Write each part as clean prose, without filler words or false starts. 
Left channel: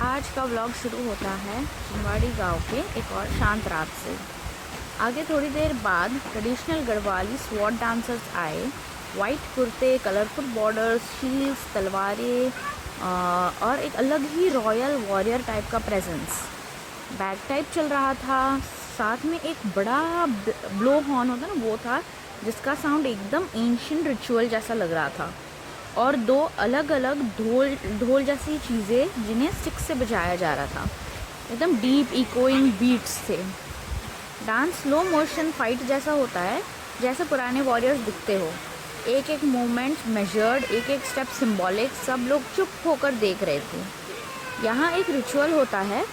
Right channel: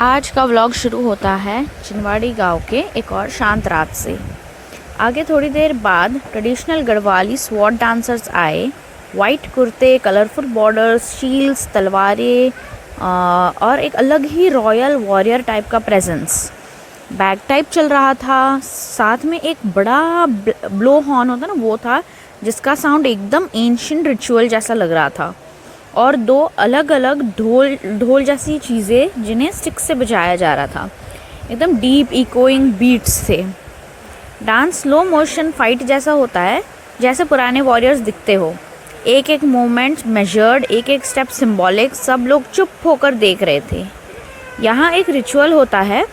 आज का व्लॉग शुरू होता है चिनवाड़ी गांव के एक और शांत रात से। आगे थोड़ी देर बाद ट्रेडिशनल गढ़वाली स्वॉर्ड डांसर्स आए। वाइट कुर्ते, कलरफुल बॉर्डर्स, शील्ड्स, तलवारें और एक अलग ही रॉयल वॉरियर टाइप का प्रेजेंस। बैग टाइप चल रहा था, साथ में एक बड़ा ब्लो हॉर्न होता ना वो था, जिसका साउंड एकदम एंशिएंट रिचुअल जैसा लग रहा था। और दो अलग अलग ढोल जैसी चीज़ें जिन्हें स्टिक से बजाया जा रहा था, एकदम डीप इकोइंग बीट्स थे। डांस स्लो मोशन फाइट जैसा होता है, जैसे पुराने वॉरियर्स दिखते हो। एक एक मोमेंट मेजर्ड, एक एक स्टेप सिंबॉलिक। सब लोग चुप होकर देख रहे थे। यहाँ एक रिचुअल होता है।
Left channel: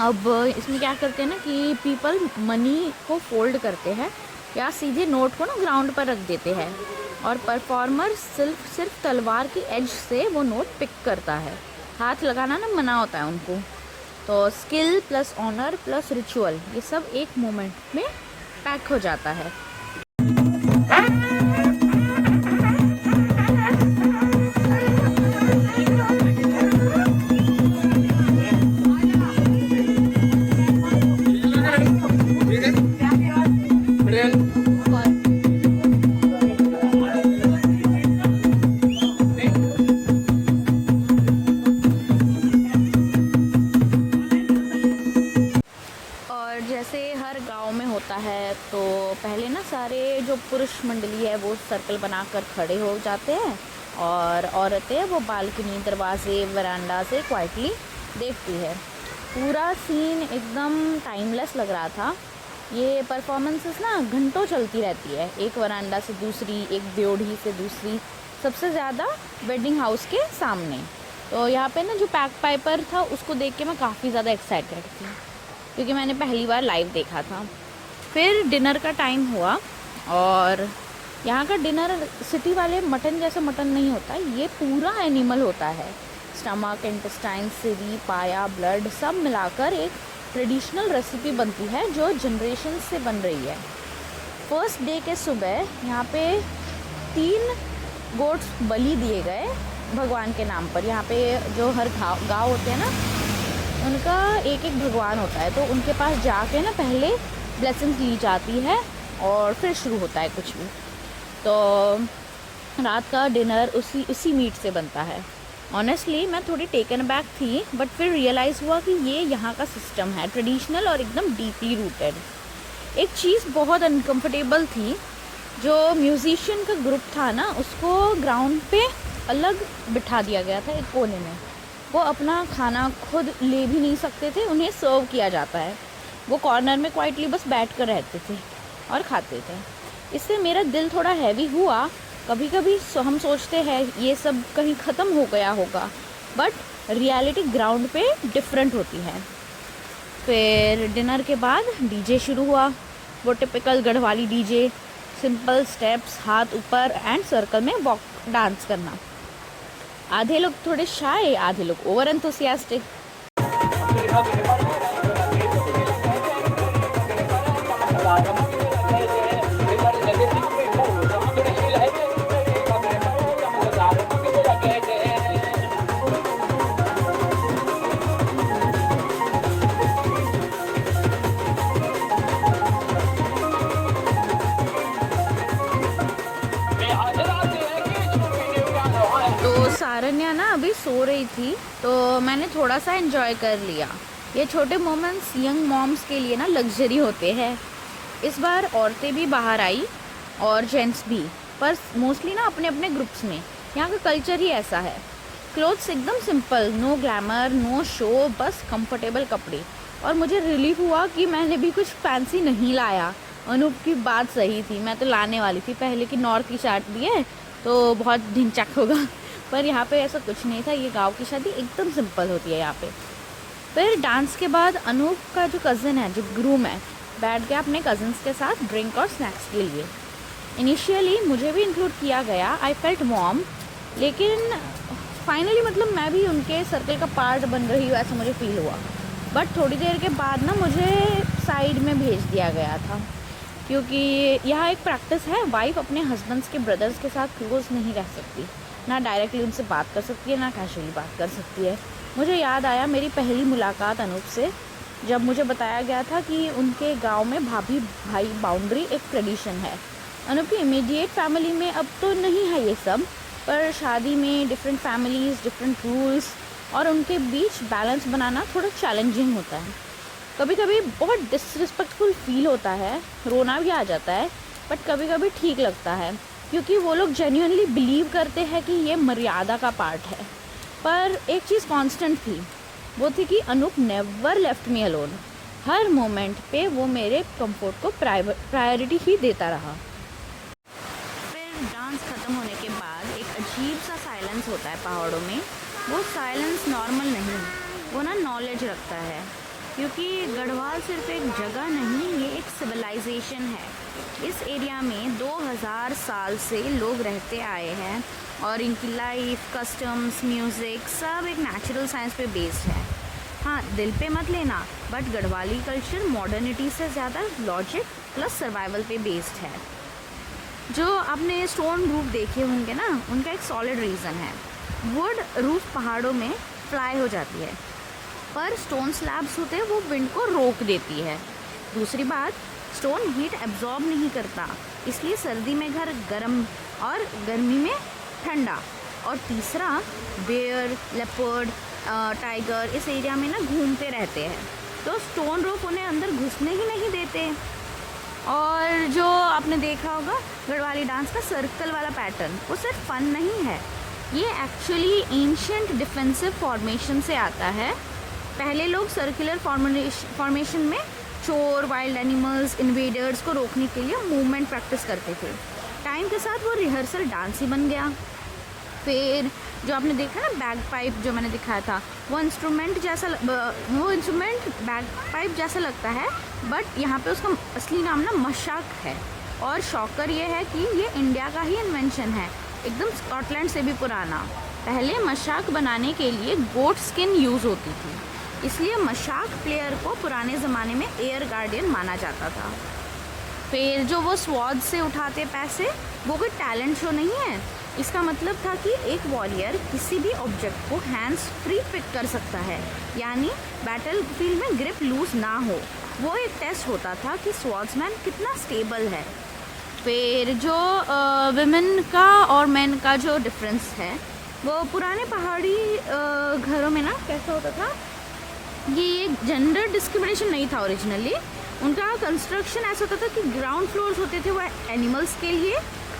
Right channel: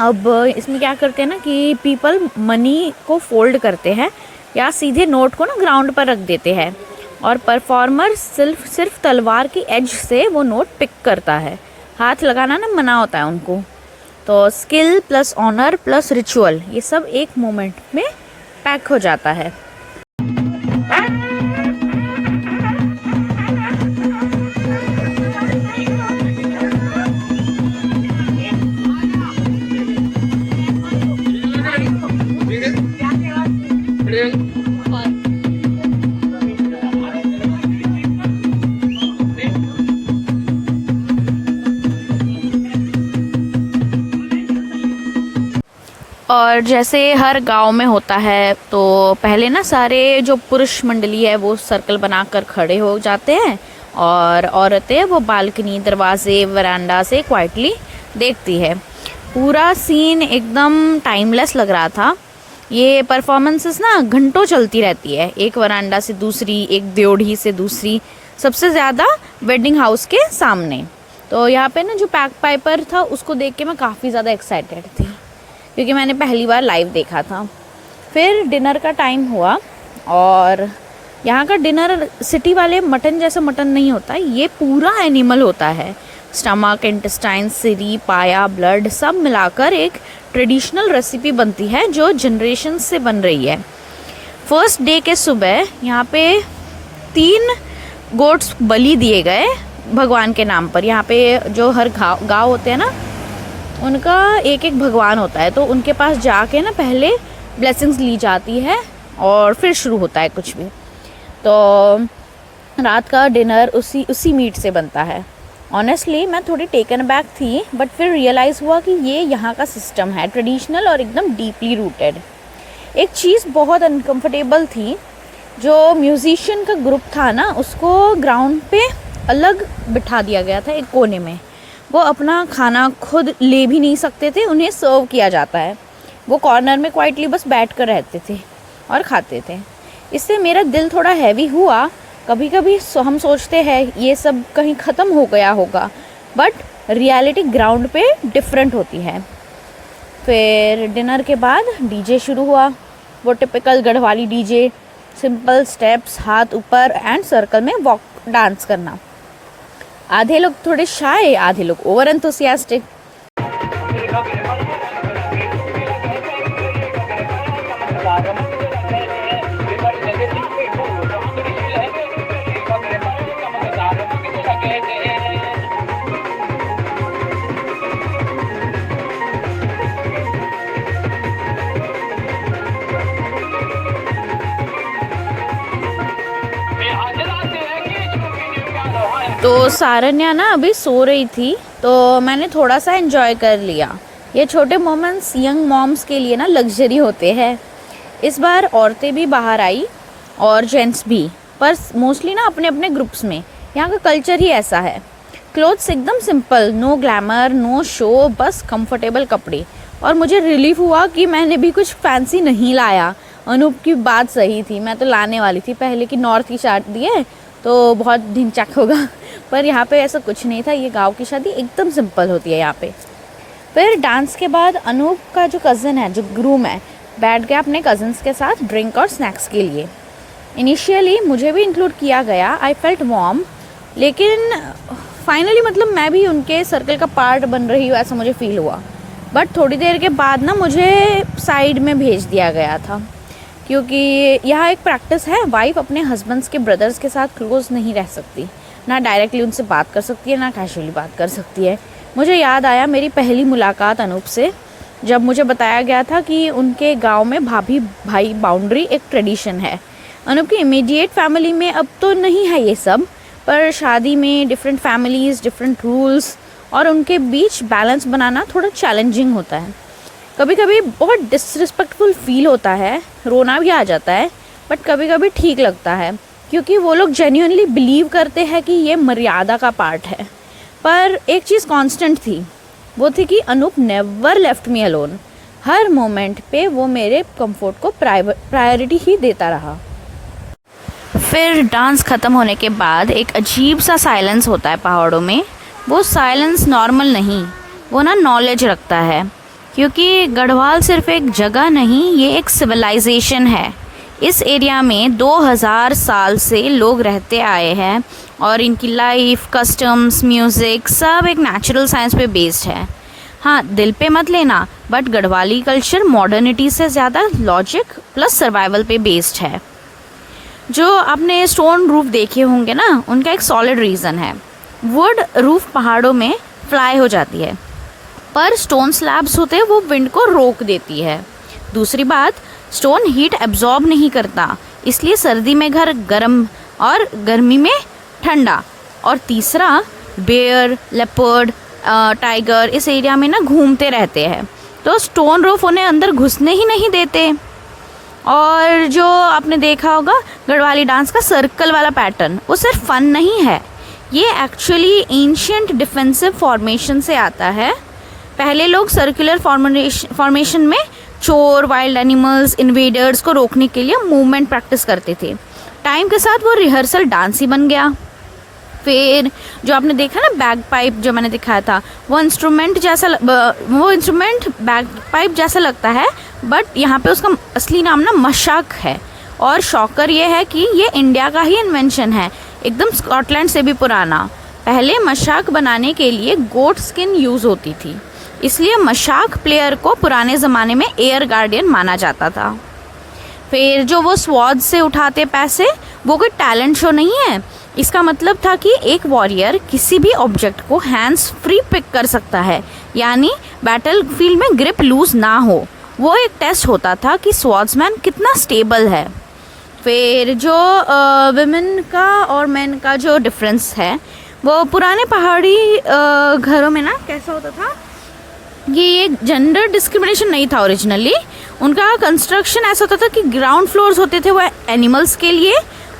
अब इसमें क्या करते हैं ना कि पीपल मनी को फोल्ड करते हैं या सीधे नोट को ना ग्राउंड पर रख देते हैं, और परफॉर्मर सिर्फ तलवार की एज से वो नोट पिक करता है। हाथ लगाना ना मना होता है उनको। तो skill plus honour plus ritual, ये सब एक मोमेंट में पैक हो जाता है। और जैसे हर गांव में होता है, तो पहले ना सारे जो पुरुष मंडली है वो सर्कल बनाकर खड़े हो जाते हैं, और औरतें वो बालकनी, दरवाजे, वरांडा से क्वाइटली देखती है। पूरा सीन एकदम टाइमलेस लग रहा था। ये परफॉर्मेंसेस ना घंटों चलती रहती है, एक वरांडा से दूसरी, एक द्योढ़ी से दूसरी, सबसे ज़्यादा वेडिंग हाउस के सामने। तो यहाँ पे ना जो पैक पाइपर था उसको देख के मैं काफ़ी ज़्यादा एक्साइटेड थी, क्योंकि मैंने पहली बार लाइव देखा था। फिर डिनर का टाइम हुआ, और यहाँ का डिनर सिटी वाले मटन जैसा मटन नहीं होता, ये पूरा एनिमल होता है। स्टमक, इंटेस्टाइन, सिरी, पाया, ब्लड सब मिलाकर एक ट्रेडिशनल रेसिपी बनती है जो जनरेशन से बन रही है। फर्स्ट डे के सुबह यहाँ पे 3 गोट्स बलि दिए गए भगवान के नाम पर। यहाँ पे जो हर गाँव होते हैं ना, उनका एक एक भगवान होता है, तो उनके पास जाके ना पहले ब्लेसिंग्स ली जाती है और फिर शुरू होता है कुछ भी। तो रात का डिनर उसी मीट से बनता है। ऑनेस्टली मैं थोड़ी टेकन बैक थी, बट फिर रियलाइज़ हुआ कि ये यहाँ का सिस्टम है, ट्रेडिशनल और एकदम डीपली रूटेड। एक चीज़ बहुत अनकम्फर्टेबल थी, जो म्यूजिशियन का ग्रुप था ना, उसको ग्राउंड पे अलग बिठा दिया गया था एक कोने में। वो अपना खाना खुद ले भी नहीं सकते थे, उन्हें सर्व किया जाता है। वो कॉर्नर में क्वाइटली बस बैठ कर रहते थे और खाते थे। इससे मेरा दिल थोड़ा हैवी हुआ। कभी कभी हम सोचते हैं ये सब कहीं ख़त्म हो गया होगा, बट रियलिटी ग्राउंड पे डिफरेंट होती है। फिर डिनर के बाद डीजे शुरू हुआ, वो typical Garhwali DJ, simple steps, हाथ ऊपर एंड सर्कल में वॉक डांस करना। आधे लोग थोड़े शाय, आधे लोग ओवर एंथुसियास्टिक। तो सारन्या ना अभी सो रही थी, तो मैंने थोड़ा सा एंजॉय कर लिया। ये छोटे मोमेंट्स यंग मॉम्स के लिए ना लग्जरी होते हैं। इस बार औरतें भी बाहर आई और जेंट्स भी, पर मोस्टली ना अपने अपने ग्रुप्स में। यहाँ का कल्चर ही ऐसा है। क्लोथ्स एकदम simple, no glamour, no show, बस कंफर्टेबल कपड़े। और मुझे रिलीफ हुआ कि मैंने भी कुछ फैंसी नहीं लाया। अनूप की बात सही थी, मैं तो लाने वाली थी पहले कि नॉर्थ की शादी है तो बहुत ढिंचैक होगा, पर यहाँ पे ऐसा कुछ नहीं था। ये गांव की शादी एकदम सिंपल होती है यहाँ पे। फिर डांस के बाद अनूप का जो कज़न है, जो ग्रूम है, बैठ गया अपने कज़न्स के साथ ड्रिंक और स्नैक्स के लिए। इनिशियली मुझे भी इंक्लूड किया गया, आई फेल्ट वार्म, लेकिन फाइनली मतलब मैं भी उनके सर्कल का पार्ट बन रही हूँ ऐसा मुझे फील हुआ। बट थोड़ी देर के बाद ना मुझे साइड में भेज दिया गया था, क्योंकि यहाँ एक प्रैक्टिस है, वाइफ अपने हस्बैंड्स के ब्रदर्स के साथ क्लोज नहीं रह सकती, ना डायरेक्टली उनसे बात कर सकती है, ना कैजुअली बात कर सकती है, मुझे याद आया मेरी पहली मुलाकात अनूप से, जब मुझे बताया गया था कि उनके गांव में भाभी भाई बाउंड्री एक ट्रेडिशन है। अनूप की इमीडिएट फैमिली में अब तो नहीं है ये सब, पर शादी में डिफरेंट फैमिलीज़, डिफरेंट रूल्स और उनके बीच बैलेंस बनाना थोड़ा चैलेंजिंग होता है। कभी कभी बहुत डिसरिस्पेक्टफुल फील होता है, रोना भी आ जाता है, बट कभी कभी ठीक लगता है क्योंकि वो लोग जेन्युइनली बिलीव करते हैं कि ये मर्यादा का पार्ट है। पर एक चीज़ कांस्टेंट थी, वो थी कि Anup never left me alone. हर मोमेंट पे वो मेरे कंफर्ट को प्रायोरिटी ही देता रहा। फिर डांस ख़त्म होने के बाद एक अजीब सा साइलेंस होता है पहाड़ों में। वो साइलेंस नॉर्मल नहीं, वो ना नॉलेज रखता है, क्योंकि गढ़वाल सिर्फ एक जगह नहीं, ये एक सिविलाइजेशन है। इस एरिया में 2000 साल से लोग रहते आए हैं और इनकी लाइफ, कस्टम्स, म्यूज़िक सब एक नेचुरल साइंस पे बेस्ड है। हाँ, दिल पे मत लेना, बट गढ़वाली कल्चर मॉडर्निटी से ज़्यादा लॉजिक प्लस सर्वाइवल पे बेस्ड है। जो आपने स्टोन रूफ देखे होंगे ना, उनका एक सॉलिड रीज़न है। वुड रूफ पहाड़ों में फ्लाई हो जाती है, पर स्टोन स्लैब्स होते हैं वो विंड को रोक देती है। दूसरी बात, स्टोन हीट एब्जॉर्ब नहीं करता, इसलिए सर्दी में घर गर्म और गर्मी में ठंडा। और तीसरा, बेयर, लेपर्ड, टाइगर इस एरिया में ना घूमते रहते हैं, तो स्टोन रूफ उन्हें अंदर घुसने ही नहीं देते। और जो आपने देखा होगा गढ़वाली डांस का सर्कल वाला पैटर्न, वो सिर्फ फन नहीं है, ये एक्चुअली एंशियंट डिफेंसिव फॉर्मेशन से आता है। पहले लोग सर्कुलर फॉर्मेशन में चोर, वाइल्ड एनिमल्स, इन्वेडर्स को रोकने के लिए मूवमेंट प्रैक्टिस करते थे। टाइम के साथ वो रिहर्सल डांस ही बन गया। फिर जो आपने देखा ना बैग पाइप, जो मैंने दिखाया था, वो इंस्ट्रूमेंट बैग पाइप जैसा लगता है, बट यहाँ पे उसका असली नाम ना मशाक है। और शॉकर ये है कि ये इंडिया का ही इन्वेंशन है, एकदम स्कॉटलैंड से भी पुराना। पहले मशाक बनाने के लिए गोट स्किन यूज़ होती थी, इसलिए मशाक प्लेयर को पुराने ज़माने में एयर गार्डियन माना जाता था। फिर जो वो स्वॉर्ड से उठाते पैसे, वो कोई टैलेंट शो नहीं है। इसका मतलब था कि एक वॉरियर किसी भी ऑब्जेक्ट को हैंड्स फ्री पिक कर सकता है, यानी बैटल फील्ड में ग्रिप लूज ना हो। वो एक टेस्ट होता था कि स्वॉर्ड्समैन कितना स्टेबल है। फिर जो विमेन का और मेन का जो डिफरेंस है, वो पुराने पहाड़ी घरों में ना कैसा होता था, ये जेंडर डिस्क्रिमिनेशन नहीं था ओरिजिनली। उनका कंस्ट्रक्शन ऐसा होता था कि ग्राउंड फ्लोर्स होते थे वो एनिमल्स के लिए,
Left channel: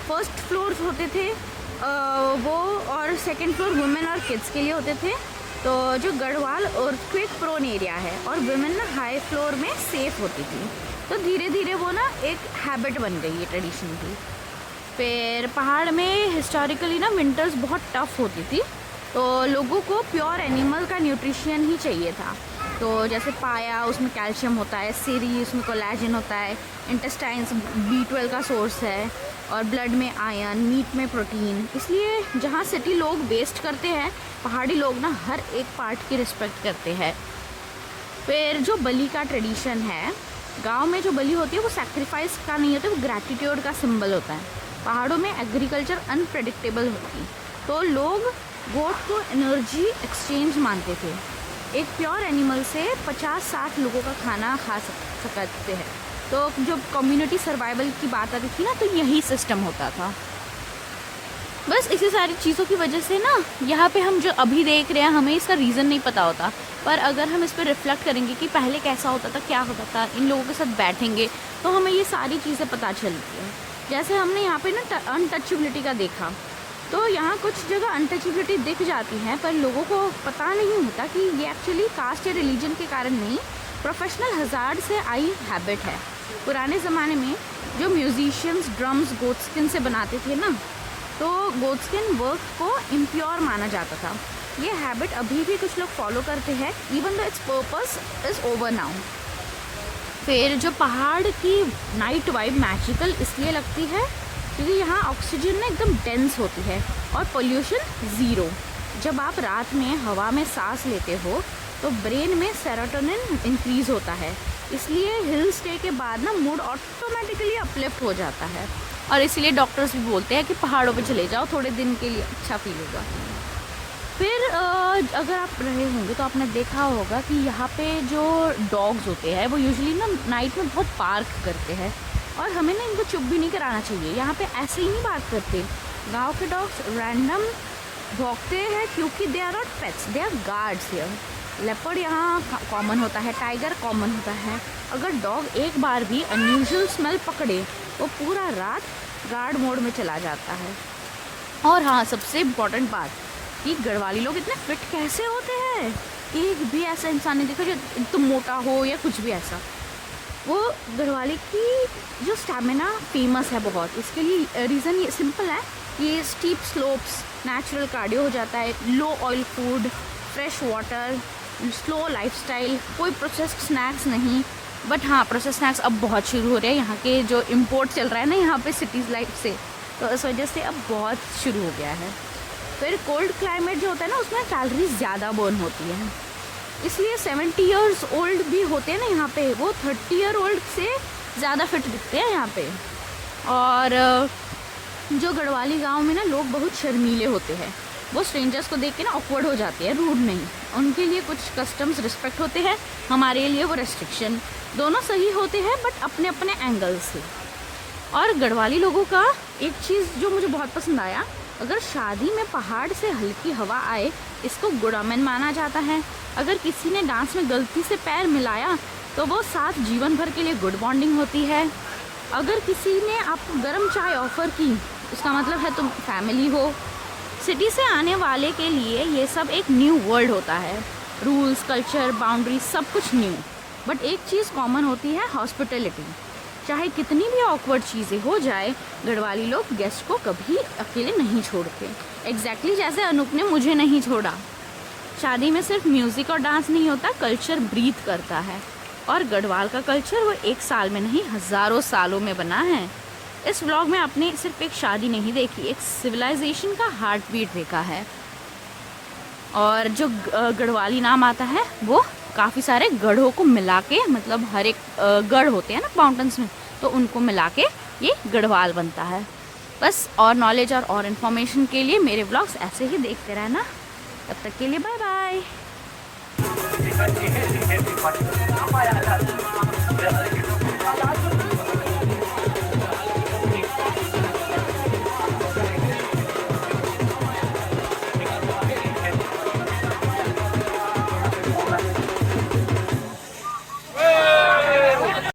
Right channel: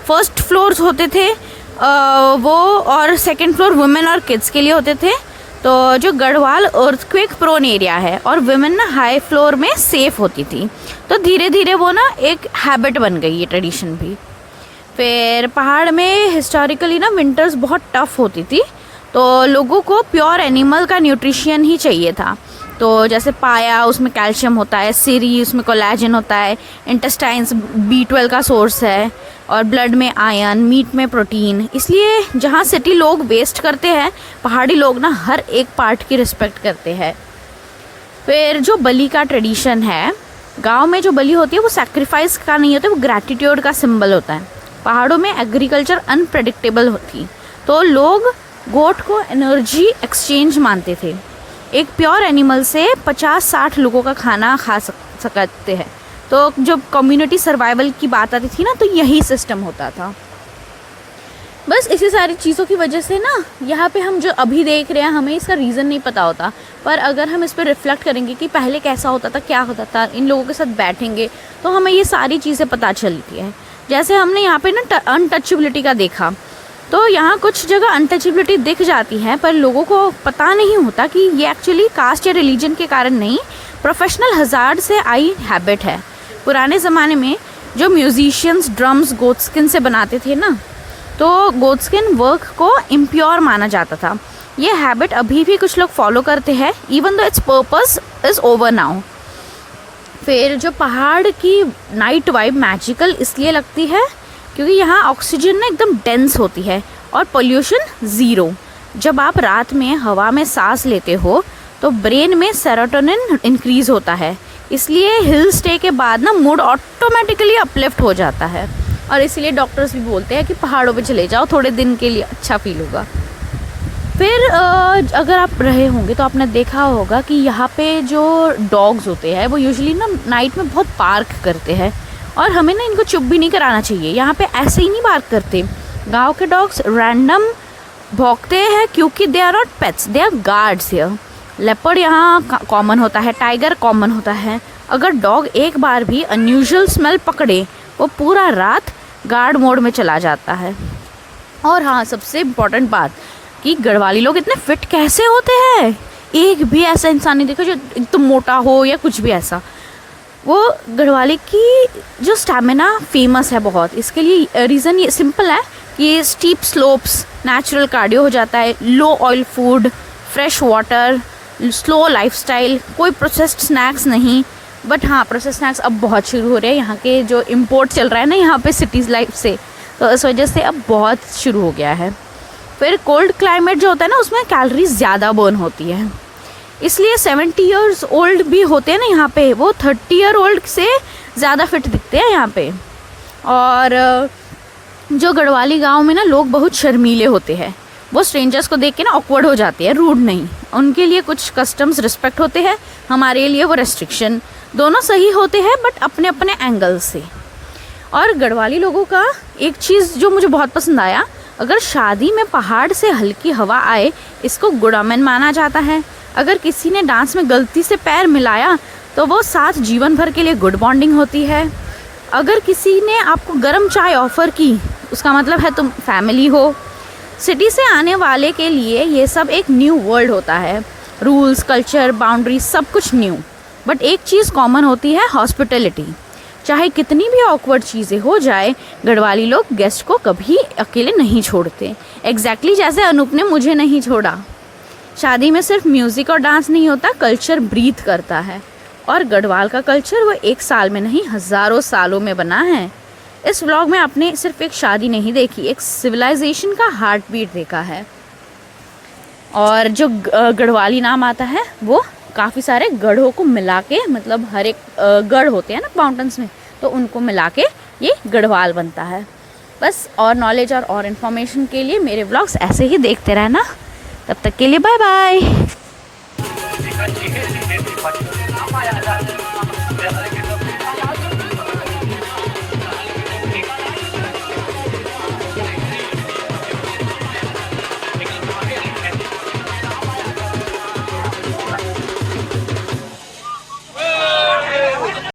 फर्स्ट फ्लोर्स होते थे वो, और सेकंड फ्लोर वुमेन और किड्स के लिए होते थे। तो जो गढ़वाल अर्थक्वेक प्रोन एरिया है और वुमेन ना हाई फ्लोर में सेफ होती थी, तो धीरे धीरे वो ना एक हैबिट बन गई, ये ट्रेडिशन भी। फिर पहाड़ में हिस्टोरिकली ना विंटर्स बहुत टफ होती थी, तो लोगों को प्योर एनिमल का न्यूट्रिशन ही चाहिए था। तो जैसे पाया, उसमें कैल्शियम होता है, सीरी, उसमें कोलेजन होता है, इंटेस्टाइन्स B12 का सोर्स है, और ब्लड में आयरन, मीट में प्रोटीन। इसलिए जहाँ सिटी लोग वेस्ट करते हैं, पहाड़ी लोग ना हर एक पार्ट की रिस्पेक्ट करते हैं। फिर जो बलि का ट्रेडिशन है, गांव में जो बलि होती है वो सैक्रिफाइस का नहीं होता, वो ग्रैटिट्यूड का सिंबल होता है। पहाड़ों में एग्रीकल्चर अनप्रेडिक्टेबल होती, तो लोग गोट को एनर्जी एक्सचेंज मानते थे। एक प्योर एनिमल से 50-60 लोगों का खाना खा सकते हैं। तो जब कम्युनिटी सर्वाइवल की बात आती थी ना, तो यही सिस्टम होता था। बस इसी सारी चीज़ों की वजह से ना यहाँ पे हम जो अभी देख रहे हैं, हमें इसका रीज़न नहीं पता होता, पर अगर हम इस पर रिफ्लेक्ट करेंगे कि पहले कैसा होता था, क्या होता था, इन लोगों के साथ बैठेंगे, तो हमें ये सारी चीज़ें पता चलती है। जैसे हमने यहाँ पे ना अनटचेबिलिटी का देखा, तो यहाँ कुछ जगह अनटचेबिलिटी दिख जाती है, पर लोगों को पता नहीं होता कि ये एक्चुअली कास्ट या रिलीजन के कारण नहीं, प्रोफेशनल हज़ार्ड से आई हैबिट है। पुराने ज़माने में जो म्यूजिशियंस ड्रम्स गोटस्किन से बनाते थे ना, तो गोटस्किन वर्क को इम्प्योर माना जाता था। ये हैबिट अभी भी कुछ लोग फॉलो करते हैं, even though it's purpose is over now. फिर जो पहाड़ की नाइट वाइब मैजिकल इसलिए लगती है क्योंकि यहाँ ऑक्सीजन ना एकदम डेंस होती है और पोल्यूशन ज़ीरो। जब आप रात में हवा में सांस लेते हो तो ब्रेन में सेरोटोनिन इंक्रीज़ होता है, इसलिए हिल स्टे के बाद ना मूड ऑटोमेटिकली अपलिफ्ट हो जाता है। और इसलिए डॉक्टर्स भी बोलते हैं कि पहाड़ों पे चले जाओ, थोड़े दिन के लिए अच्छा फील होगा। फिर अगर आप रहे होंगे तो आपने देखा होगा कि यहाँ पे जो डॉग्स होते हैं वो यूजुअली ना नाइट में बहुत बार्क करते हैं, और हमें ना इनको चुप भी नहीं कराना चाहिए। यहाँ पे ऐसे ही नहीं बार्क करते। गांव के डॉग्स रैंडम भौंकते हैं क्योंकि they are not pets, they are guards here. Leopard यहाँ कॉमन होता है, टाइगर कॉमन होता है। अगर डॉग एक बार भी अनयूजुअल स्मेल पकड़े वो पूरा रात गार्ड मोड में चला जाता है। और हाँ, सबसे इम्पॉर्टेंट बात कि गढ़वाली लोग इतने फिट कैसे होते हैं। एक भी ऐसा इंसान नहीं देखा जो एकदम मोटा हो या कुछ भी ऐसा। वो गढ़वाली की जो स्टैमिना फेमस है बहुत, इसके लिए रीज़न ये सिंपल है कि स्टीप स्लोप्स, नेचुरल कार्डियो हो जाता है, low oil food, fresh water, slow lifestyle, कोई प्रोसेस्ड स्नैक्स नहीं। बट हाँ, प्रोसेस्ड स्नैक्स अब बहुत शुरू हो रहे हैं। यहाँ के जो इम्पोर्ट चल रहा है ना यहाँ पे सिटीज़ लाइफ से, तो इस वजह से अब बहुत शुरू हो गया है। फिर कोल्ड क्लाइमेट जो होता है ना उसमें कैलोरीज ज़्यादा बर्न होती है, इसलिए 70 ईयर्स ओल्ड भी होते हैं ना यहाँ पे, वो 30 ईयर ओल्ड से ज़्यादा फिट दिखते हैं यहाँ पे। और जो गढ़वाली गांव में ना लोग बहुत शर्मीले होते हैं, वो स्ट्रेंजर्स को देख के ना ऑकवर्ड हो जाते हैं, रूड नहीं। उनके लिए कुछ कस्टम्स रिस्पेक्ट होते हैं, हमारे लिए वो रेस्ट्रिक्शन। दोनों सही होते हैं बट अपने अपने एंगल से। और गढ़वाली लोगों का एक चीज़ जो मुझे बहुत पसंद आया, अगर शादी में पहाड़ से हल्की हवा आए इसको गुड ऑमेन माना जाता है। अगर किसी ने डांस में गलती से पैर मिलाया तो वो साथ जीवन भर के लिए गुड बॉन्डिंग होती है। अगर किसी ने आपको गर्म चाय ऑफ़र की उसका मतलब है तुम फैमिली हो। सिटी से आने वाले के लिए ये सब एक न्यू वर्ल्ड होता है, रूल्स, कल्चर, बाउंड्रीज, सब कुछ न्यू। बट एक चीज़ कॉमन होती है, हॉस्पिटैलिटी। चाहे कितनी भी ऑकवर्ड चीज़ें हो जाए, गढ़वाली लोग गेस्ट को कभी अकेले नहीं छोड़ते। एग्जैक्टली जैसे अनूप ने मुझे नहीं छोड़ा। शादी में सिर्फ म्यूज़िक और डांस नहीं होता, कल्चर ब्रीथ करता है। और गढ़वाल का कल्चर वो एक साल में नहीं, हज़ारों सालों में बना है। इस व्लॉग में आपने सिर्फ एक शादी नहीं देखी, एक सिविलाइजेशन का हार्ट बीट देखा है। और जो गढ़वाली नाम आता है वो काफ़ी सारे गढ़ों को मिला के, मतलब हर एक गढ़ होते हैं ना माउंटेन्स में, तो उनको मिला के ये गढ़वाल बनता है। बस और नॉलेज और इन्फॉर्मेशन के लिए मेरे व्लॉग्स ऐसे ही देखते रहना। तब तक के लिए बाय बाय।